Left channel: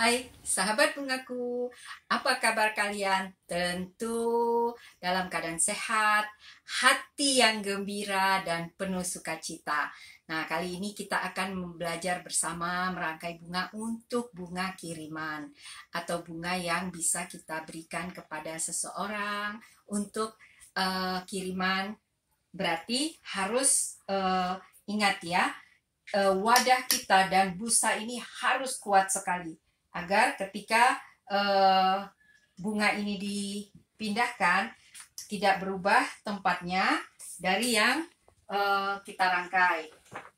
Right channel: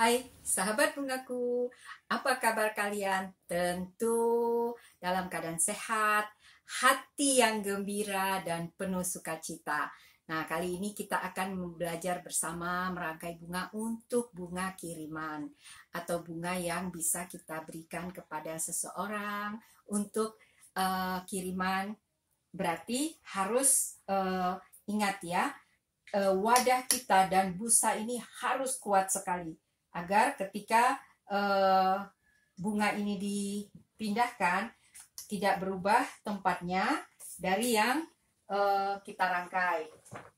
Hai sahabat bungaku, apa kabar kalian? Tentu dalam keadaan sehat, hati yang gembira dan penuh sukacita. Nah, kali ini kita akan belajar bersama merangkai bunga untuk bunga kiriman atau bunga yang bisa kita berikan kepada seseorang untuk kiriman. Berarti harus ingat ya, wadah kita dan busa ini harus kuat sekali agar ketika bunga ini dipindahkan tidak berubah tempatnya dari yang kita rangkai.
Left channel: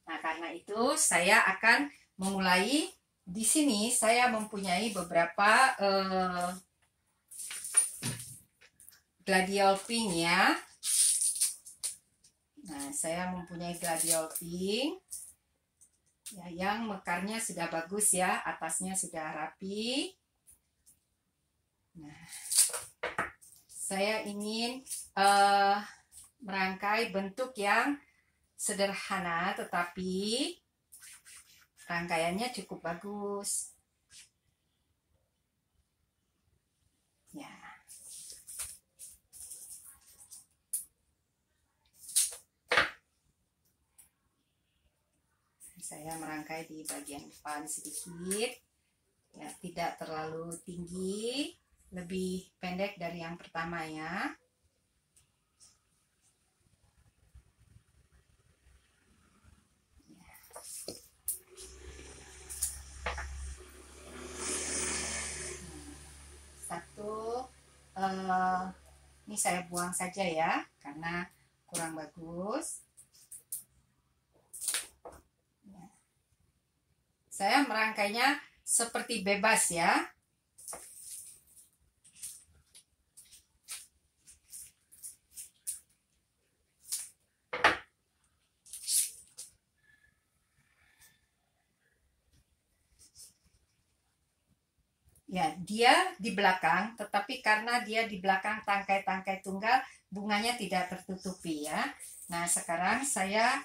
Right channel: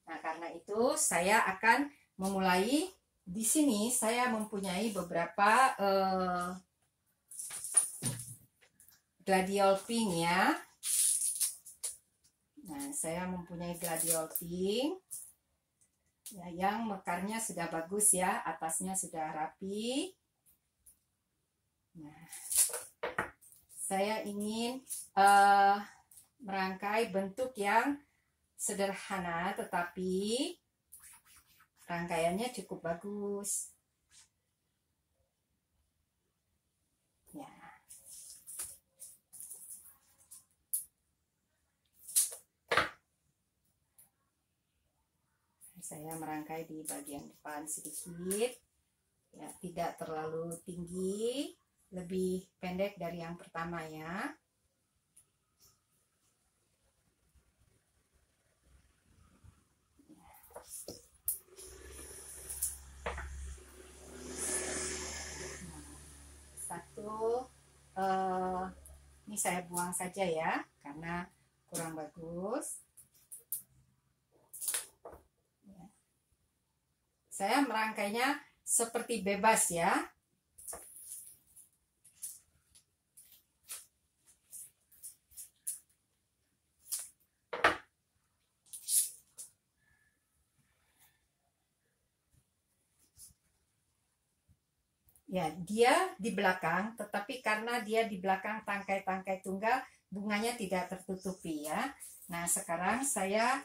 Nah, karena itu saya akan memulai. Di sini saya mempunyai beberapa gladiol pink ya. Nah, saya mempunyai gladiol pink ya, yang mekarnya sudah bagus ya, atasnya sudah rapi. Nah, saya ingin merangkai bentuk yang sederhana tetapi rangkaiannya cukup bagus ya. Saya merangkai di bagian depan sedikit ya, tidak terlalu tinggi, lebih pendek dari yang pertama ya. Satu, ini saya buang saja ya karena kurang bagus. Saya merangkainya seperti bebas ya. Ya, dia di belakang, tetapi karena dia di belakang tangkai-tangkai tunggal, bunganya tidak tertutupi ya. Nah, sekarang saya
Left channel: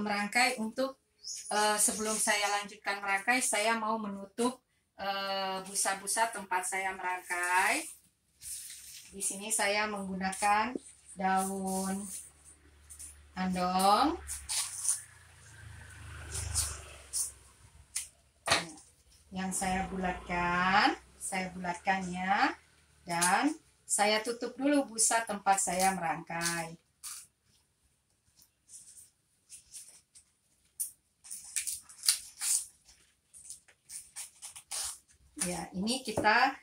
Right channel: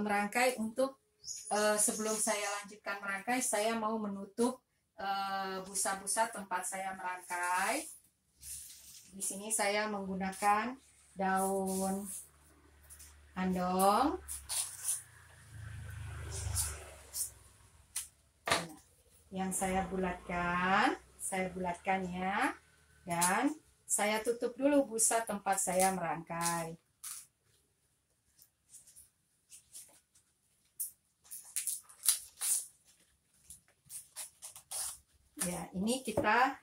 merangkai untuk sebelum saya lanjutkan merangkai, saya mau menutup busa-busa tempat saya merangkai. Di sini saya menggunakan daun andong. Yang saya bulatkannya, dan saya tutup dulu busa tempat saya merangkai. Ya, ini kita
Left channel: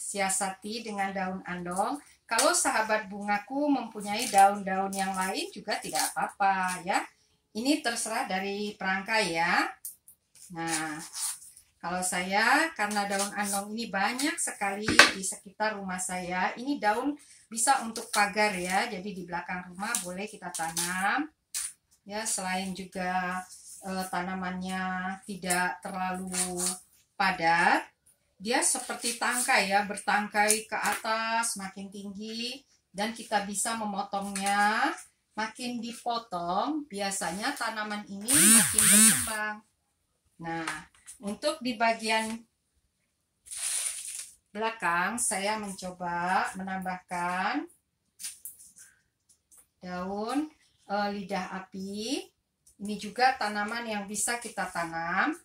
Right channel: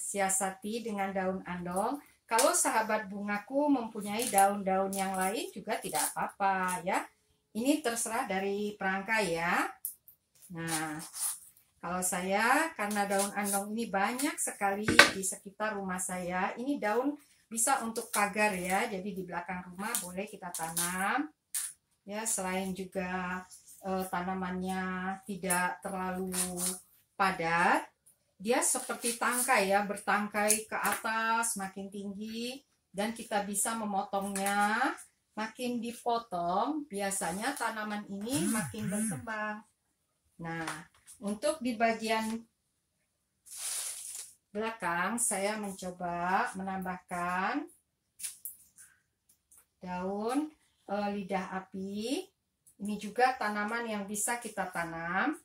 siasati dengan daun andong. Kalau sahabat bungaku mempunyai daun-daun yang lain juga tidak apa-apa ya. Ini terserah dari perangkai ya. Nah, kalau saya, karena daun andong ini banyak sekali di sekitar rumah saya. Ini daun bisa untuk pagar ya, jadi di belakang rumah boleh kita tanam. Ya, selain juga tanamannya tidak terlalu padat, dia seperti tangkai ya, bertangkai ke atas makin tinggi, dan kita bisa memotongnya. Makin dipotong, biasanya tanaman ini makin berkembang. Nah, untuk di bagian belakang saya mencoba menambahkan daun lidah api. Ini juga tanaman yang bisa kita tanam.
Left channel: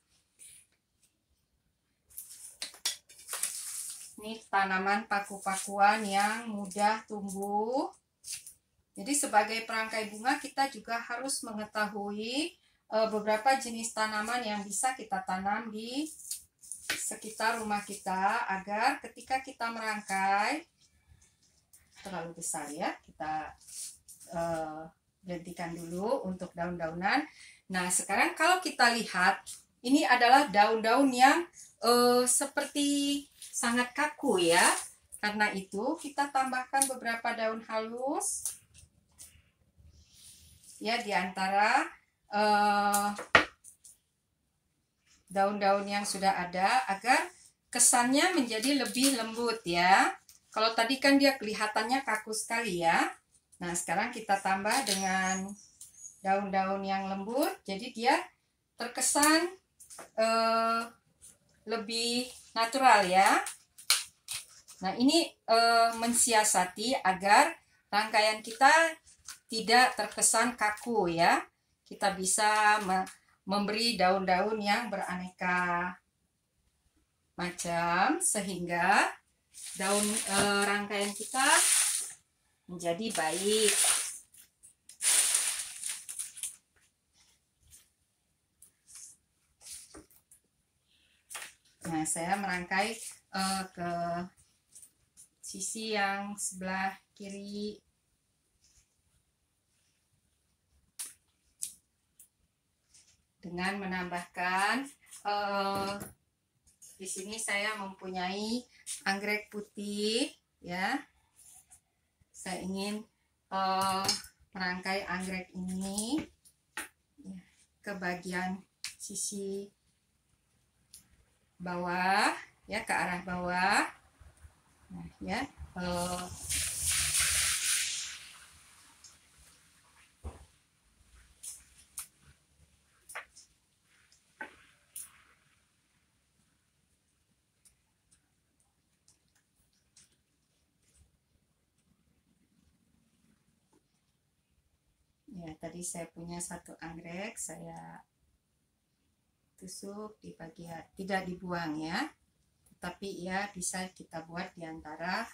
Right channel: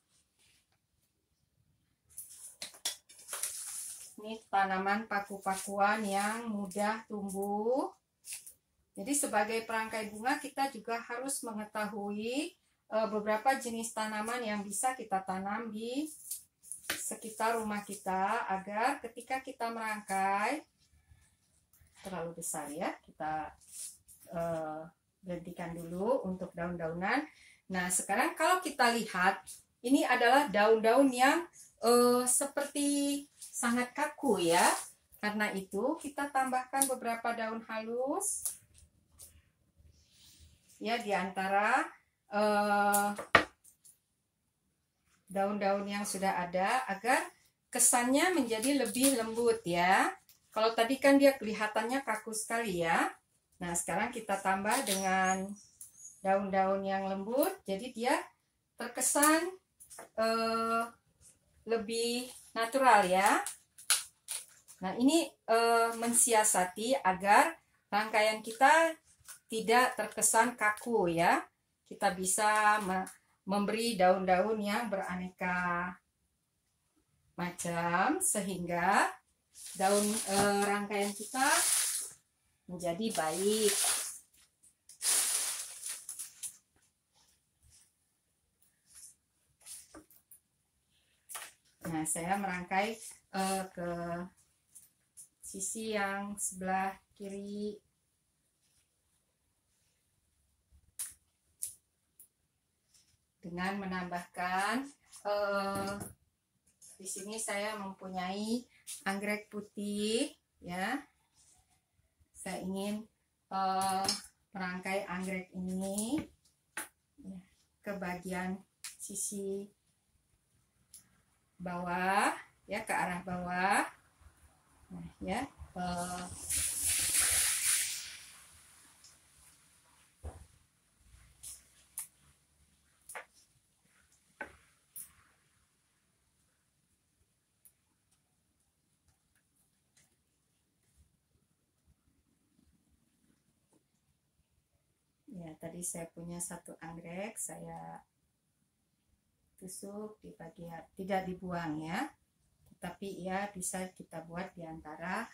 Ini tanaman paku-pakuan yang mudah tumbuh. Jadi sebagai perangkai bunga kita juga harus mengetahui beberapa jenis tanaman yang bisa kita tanam di sekitar rumah kita, agar ketika kita merangkai, terlalu besar ya, kita berhentikan dulu untuk daun-daunan. Nah, sekarang kalau kita lihat, ini adalah daun-daun yang seperti sangat kaku ya. Karena itu kita tambahkan beberapa daun halus ya, di antara daun-daun yang sudah ada, agar kesannya menjadi lebih lembut ya. Kalau tadi kan dia kelihatannya kaku sekali ya. Nah, sekarang kita tambah dengan daun-daun yang lembut, jadi dia terkesan lebih natural ya. Nah, ini mensiasati agar rangkaian kita tidak terkesan kaku ya. Kita bisa memberi daun-daun yang beraneka macam sehingga daun rangkaian kita menjadi baik. Nah, saya merangkai ke sisi yang sebelah kiri. Dengan menambahkan di sini saya mempunyai anggrek putih ya. Saya ingin merangkai anggrek ini ya, ke bagian sisi bawah ya, ke arah bawah. Nah, ya. Ya, tadi saya punya satu anggrek, saya tusuk di bagian, tidak dibuang ya, tetapi ya bisa kita buat di antara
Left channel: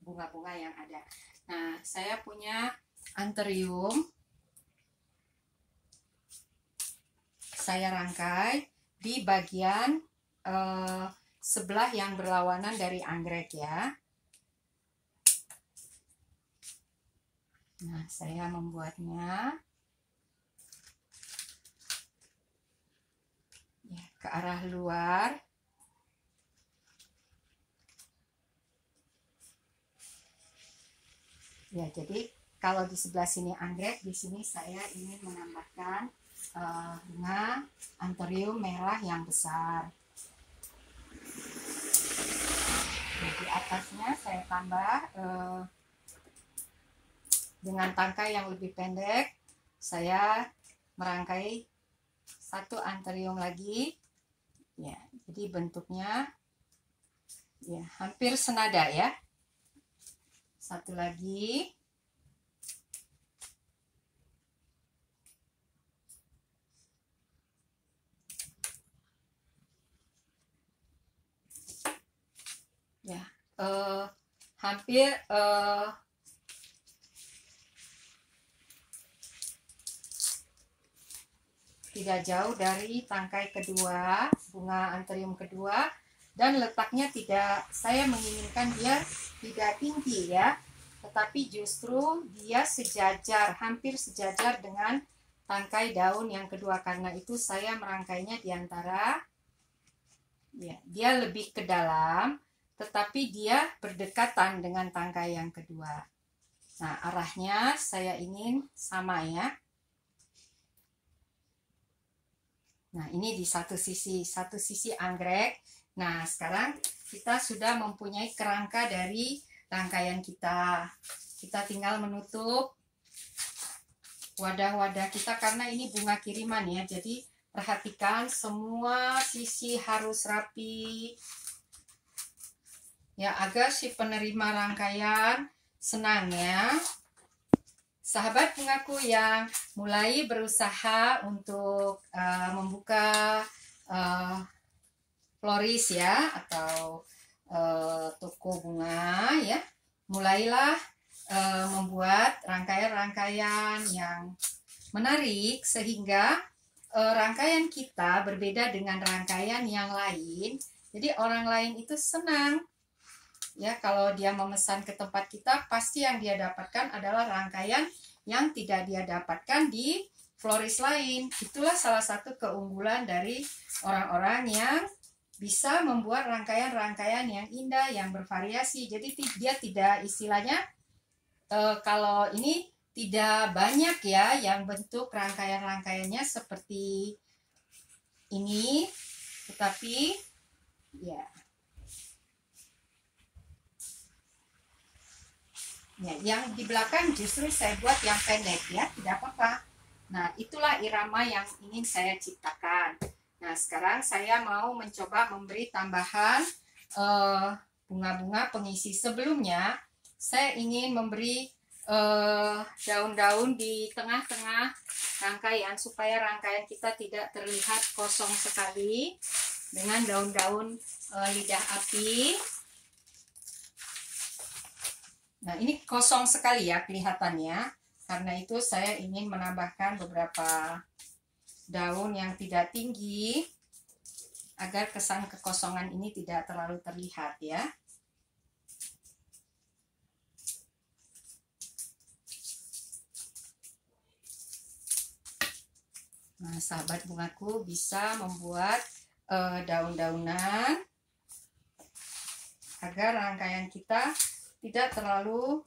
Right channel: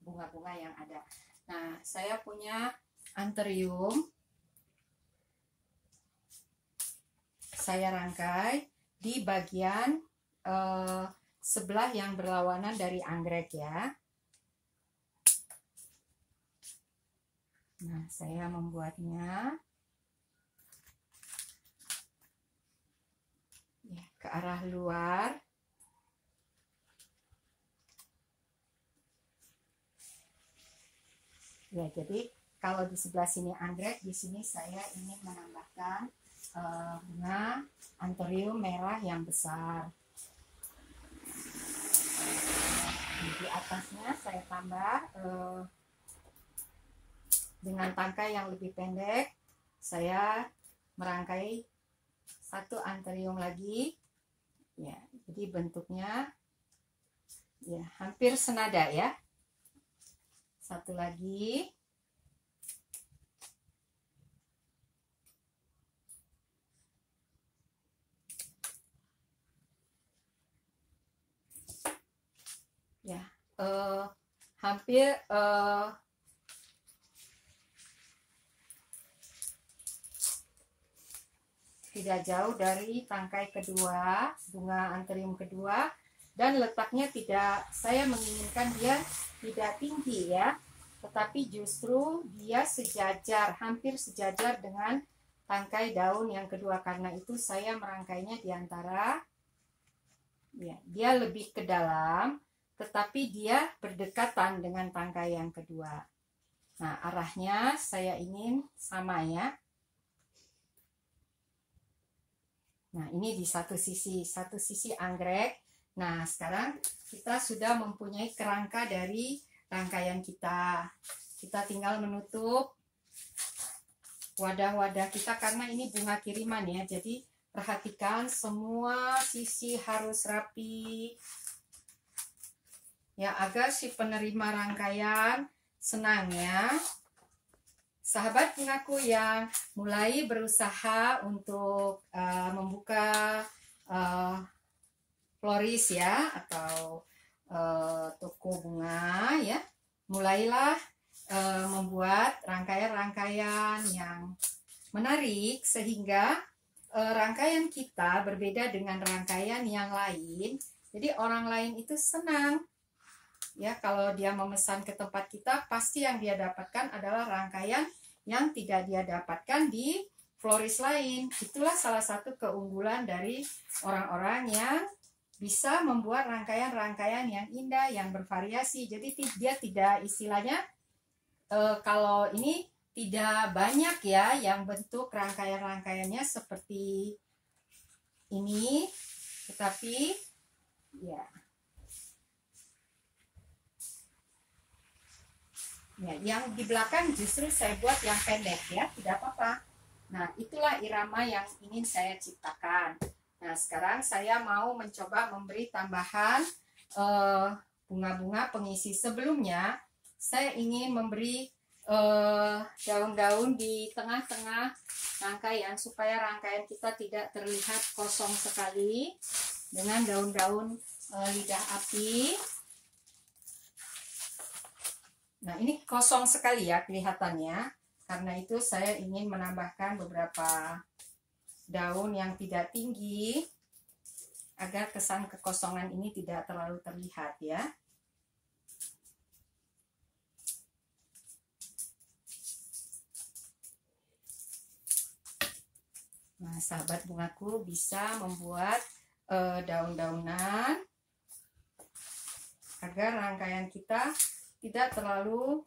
bunga-bunga yang ada. Nah, saya punya anthurium, saya rangkai di bagian sebelah yang berlawanan dari anggrek ya. Nah, saya membuatnya ya, ke arah luar. Ya, jadi kalau di sebelah sini anggrek, di sini saya ingin menambahkan bunga anthurium merah yang besar. Di atasnya saya tambah dengan tangkai yang lebih pendek. Saya merangkai satu anthurium lagi. Ya, jadi bentuknya ya hampir senada ya. Satu lagi. Ya, hampir tidak jauh dari tangkai kedua, bunga anthurium kedua, dan letaknya tidak, saya menginginkan dia tidak tinggi ya, tetapi justru dia sejajar, hampir sejajar dengan tangkai daun yang kedua. Karena itu saya merangkainya di antara ya, dia lebih ke dalam, tetapi dia berdekatan dengan tangkai yang kedua. Nah, arahnya saya ingin sama ya. Nah, ini di satu sisi anggrek. Nah, sekarang kita sudah mempunyai kerangka dari rangkaian kita. Kita tinggal menutup wadah-wadah kita karena ini bunga kiriman ya. Jadi perhatikan semua sisi harus rapi. Ya, agar si penerima rangkaian senang ya. Sahabat bungaku yang mulai berusaha untuk membuka floris ya, atau toko bunga ya, mulailah membuat rangkaian-rangkaian yang menarik sehingga rangkaian kita berbeda dengan rangkaian yang lain. Jadi orang lain itu senang ya, kalau dia memesan ke tempat kita, pasti yang dia dapatkan adalah rangkaian yang tidak dia dapatkan di floris lain. Itulah salah satu keunggulan dari orang-orang yang bisa membuat rangkaian-rangkaian yang indah, yang bervariasi. Jadi dia tidak, istilahnya kalau ini tidak banyak ya yang bentuk rangkaian-rangkaiannya seperti ini, tetapi ya. Ya, yang di belakang justru saya buat yang pendek ya, tidak apa-apa. Nah, itulah irama yang ingin saya ciptakan. Nah, sekarang saya mau mencoba memberi tambahan bunga-bunga pengisi. Sebelumnya saya ingin memberi daun-daun di tengah-tengah rangkaian supaya rangkaian kita tidak terlihat kosong sekali dengan daun-daun lidah api. Nah, ini kosong sekali ya kelihatannya. Karena itu saya ingin menambahkan beberapa daun yang tidak tinggi agar kesan kekosongan ini tidak terlalu terlihat ya. Nah, sahabat bungaku bisa membuat daun-daunan agar rangkaian kita tidak terlalu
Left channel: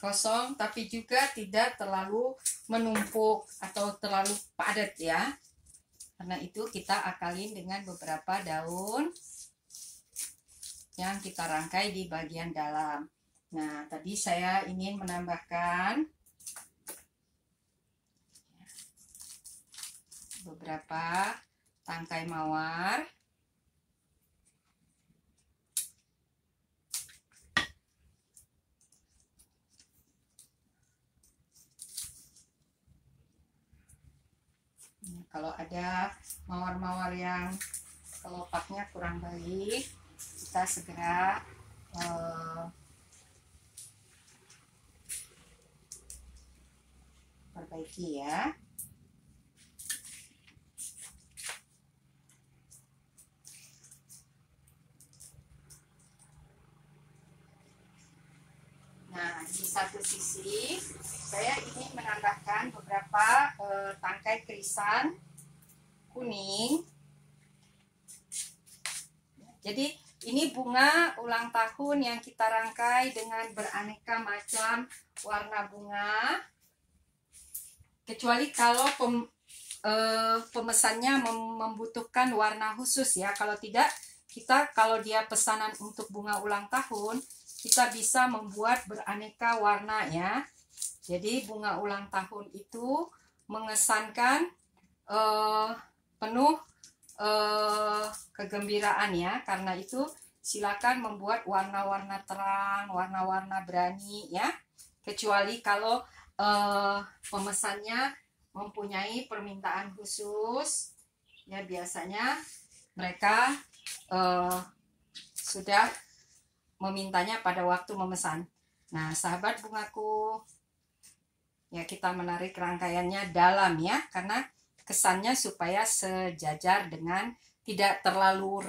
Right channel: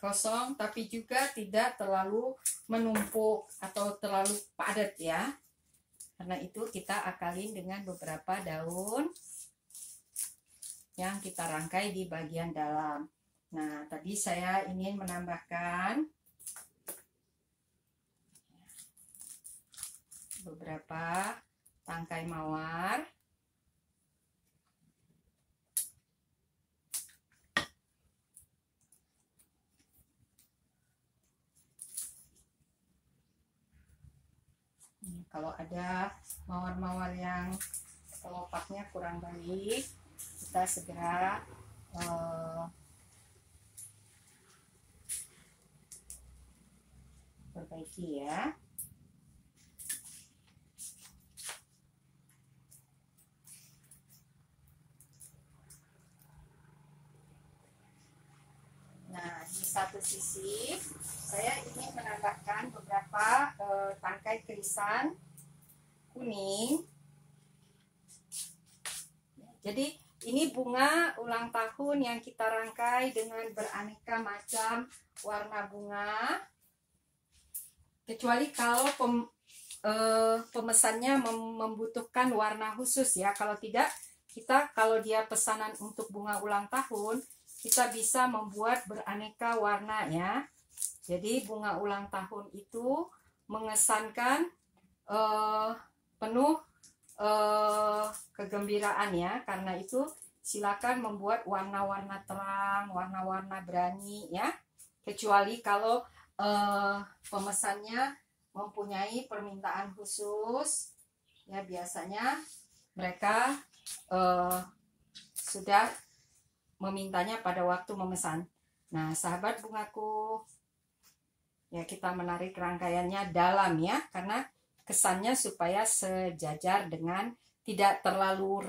kosong, tapi juga tidak terlalu menumpuk atau terlalu padat ya. Karena itu kita akalin dengan beberapa daun yang kita rangkai di bagian dalam. Nah, tadi saya ingin menambahkan beberapa tangkai mawar. Kalau ada mawar-mawar yang kelopaknya kurang baik, kita segera perbaiki ya. Nah, di satu sisi saya ingin menambahkan beberapa tangkai kerisan kuning. Jadi ini bunga ulang tahun yang kita rangkai dengan beraneka macam warna bunga. Kecuali kalau pemesannya membutuhkan warna khusus ya. Kalau tidak, kalau dia pesanan untuk bunga ulang tahun, kita bisa membuat beraneka warna ya. Jadi bunga ulang tahun itu mengesankan penuh kegembiraan ya. Karena itu silakan membuat warna-warna terang, warna-warna berani ya. Kecuali kalau pemesannya mempunyai permintaan khusus ya, biasanya mereka sudah memintanya pada waktu memesan. Nah, sahabat bungaku, ya kita menarik rangkaiannya dalam ya, karena kesannya supaya sejajar dengan tidak terlalu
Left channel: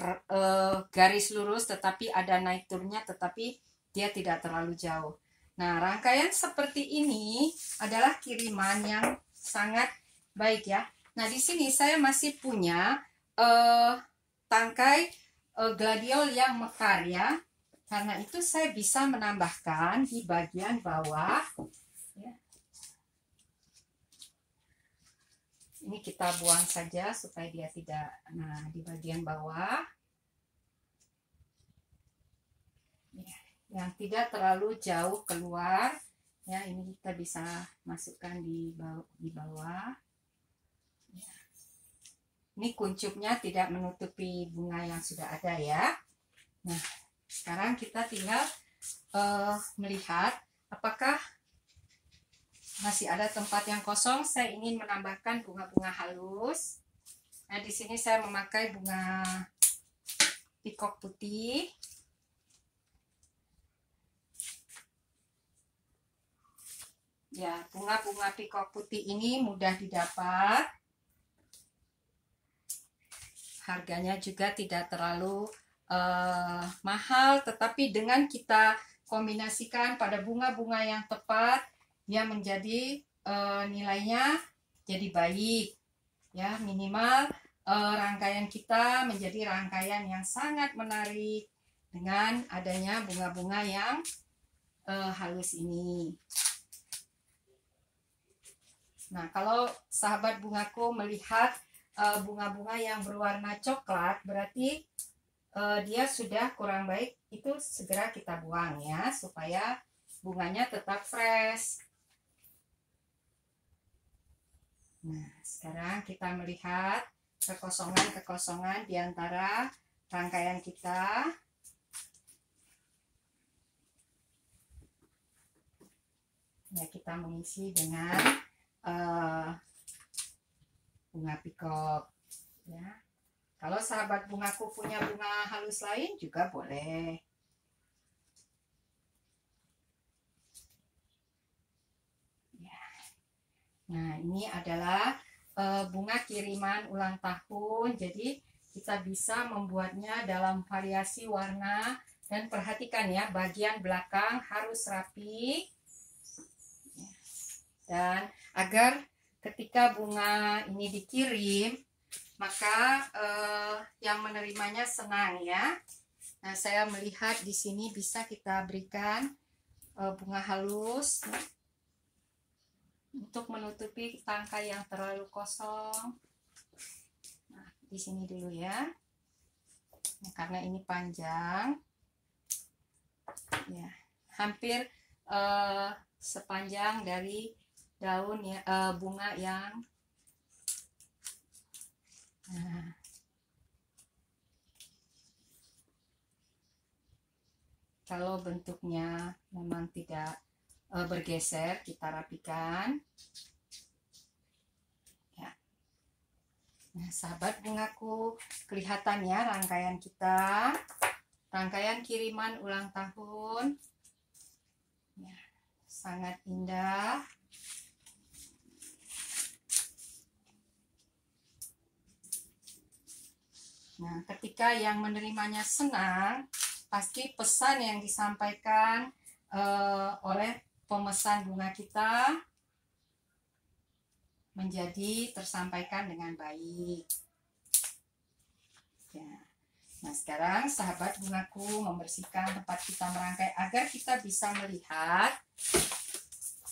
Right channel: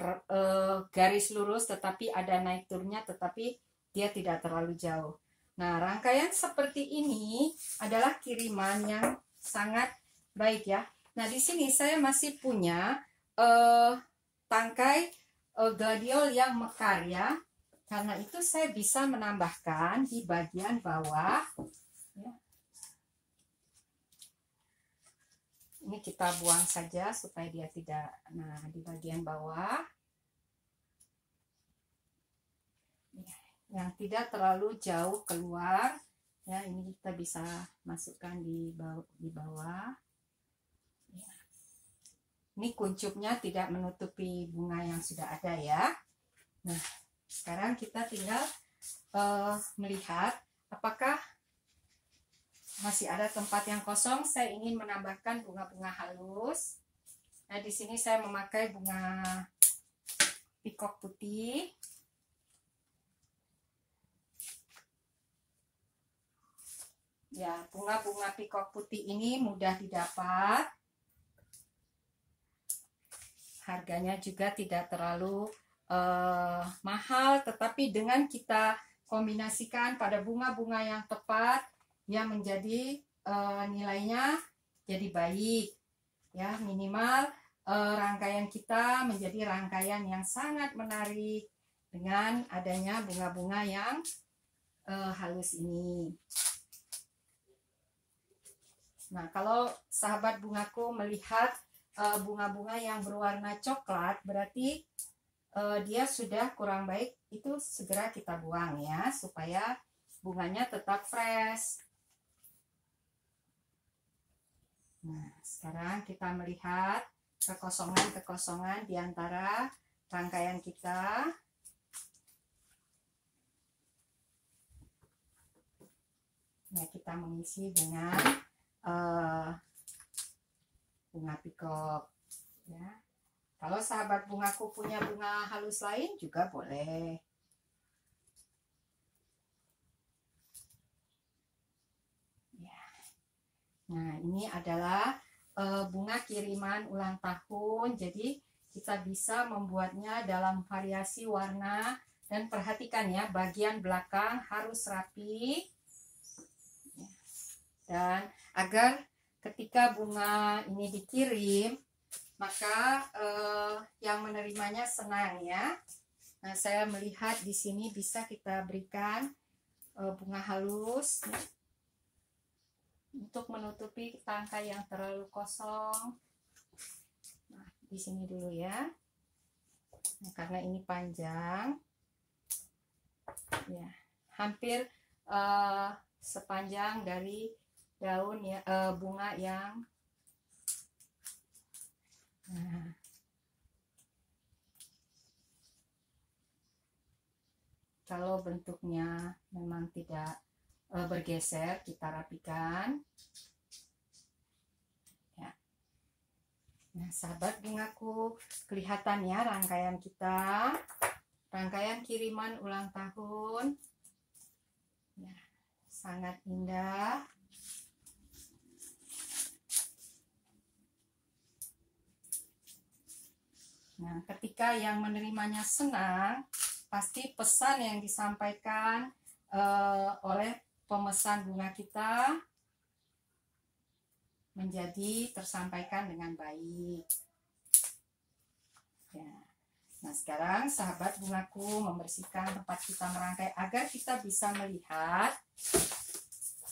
garis lurus, tetapi ada naik turunnya, tetapi dia tidak terlalu jauh. Nah, rangkaian seperti ini adalah kiriman yang sangat baik ya. Nah, di sini saya masih punya tangkai gladiol yang mekar ya. Karena itu saya bisa menambahkan di bagian bawah ya. Ini kita buang saja supaya dia tidak, nah di bagian bawah ya, yang tidak terlalu jauh keluar ya, ini kita bisa masukkan di bawah ya. Ini kuncupnya tidak menutupi bunga yang sudah ada ya. Nah, sekarang kita tinggal melihat apakah masih ada tempat yang kosong. Saya ingin menambahkan bunga-bunga halus. Nah, di sini saya memakai bunga pikok putih. Ya, bunga-bunga pikok putih ini mudah didapat. Harganya juga tidak terlalu mahal, tetapi dengan kita kombinasikan pada bunga-bunga yang tepat, dia menjadi nilainya jadi baik ya. Minimal rangkaian kita menjadi rangkaian yang sangat menarik dengan adanya bunga-bunga yang halus ini. Nah, kalau sahabat bungaku melihat bunga-bunga yang berwarna coklat, berarti dia sudah kurang baik. Itu segera kita buang ya, supaya bunganya tetap fresh. Nah, sekarang kita melihat kekosongan-kekosongan di antara rangkaian kita. Ya, kita mengisi dengan bunga pikok. Ya. Kalau sahabat bungaku punya bunga halus lain juga boleh. Ya. Nah, ini adalah bunga kiriman ulang tahun. Jadi kita bisa membuatnya dalam variasi warna. Dan perhatikan ya, bagian belakang harus rapi. Dan agar ketika bunga ini dikirim, maka yang menerimanya senang ya. Nah, saya melihat di sini bisa kita berikan bunga halus untuk menutupi tangkai yang terlalu kosong. Nah, di sini dulu ya. Nah, karena ini panjang, ya, hampir sepanjang dari daun ya, bunga yang kalau bentuknya memang tidak bergeser, kita rapikan. Ya. Nah, sahabat bungaku, kelihatan ya rangkaian kita, rangkaian kiriman ulang tahun. Ya, sangat indah. Nah, ketika yang menerimanya senang, pasti pesan yang disampaikan oleh pemesan bunga kita menjadi tersampaikan dengan baik. Ya. Nah, sekarang sahabat bungaku membersihkan tempat kita merangkai agar kita bisa melihat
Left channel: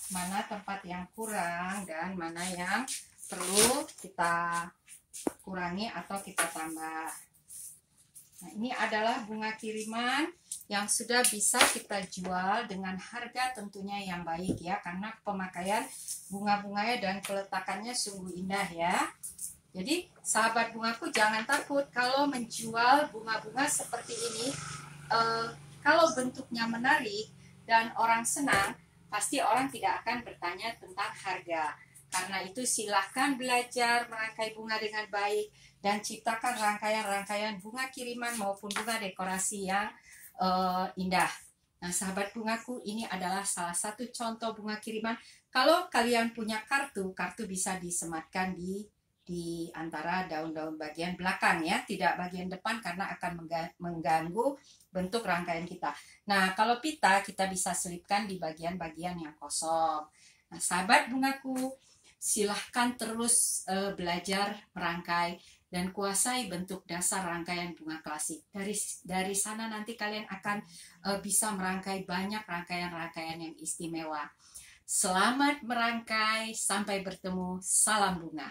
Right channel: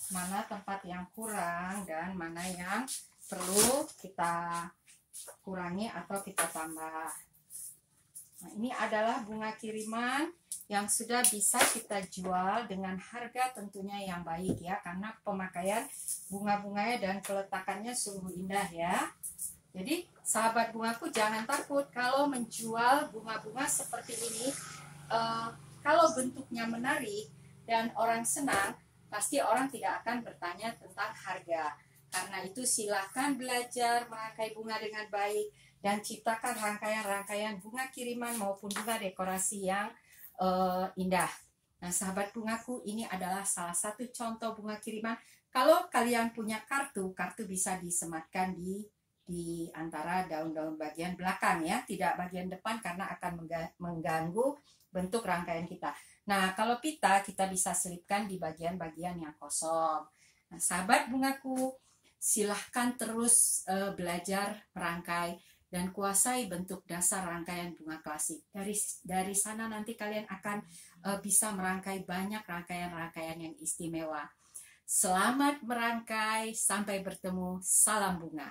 mana tempat yang kurang dan mana yang perlu kita kurangi atau kita tambah. Nah, ini adalah bunga kiriman yang sudah bisa kita jual dengan harga tentunya yang baik ya, karena pemakaian bunga-bunganya dan peletakannya sungguh indah ya. Jadi sahabat bungaku jangan takut kalau menjual bunga-bunga seperti ini. Kalau bentuknya menarik dan orang senang, pasti orang tidak akan bertanya tentang harga. Karena itu silahkan belajar merangkai bunga dengan baik dan ciptakan rangkaian-rangkaian bunga kiriman maupun bunga dekorasi yang indah. Nah, sahabat bungaku, ini adalah salah satu contoh bunga kiriman. Kalau kalian punya kartu bisa disematkan di antara daun-daun bagian belakang ya, tidak bagian depan karena akan mengganggu bentuk rangkaian kita. Nah, kalau pita kita bisa selipkan di bagian-bagian yang kosong. Nah, sahabat bungaku, silahkan terus belajar merangkai dan kuasai bentuk dasar rangkaian bunga klasik. Dari sana nanti kalian akan bisa merangkai banyak rangkaian-rangkaian yang istimewa. Selamat merangkai, sampai bertemu, salam bunga.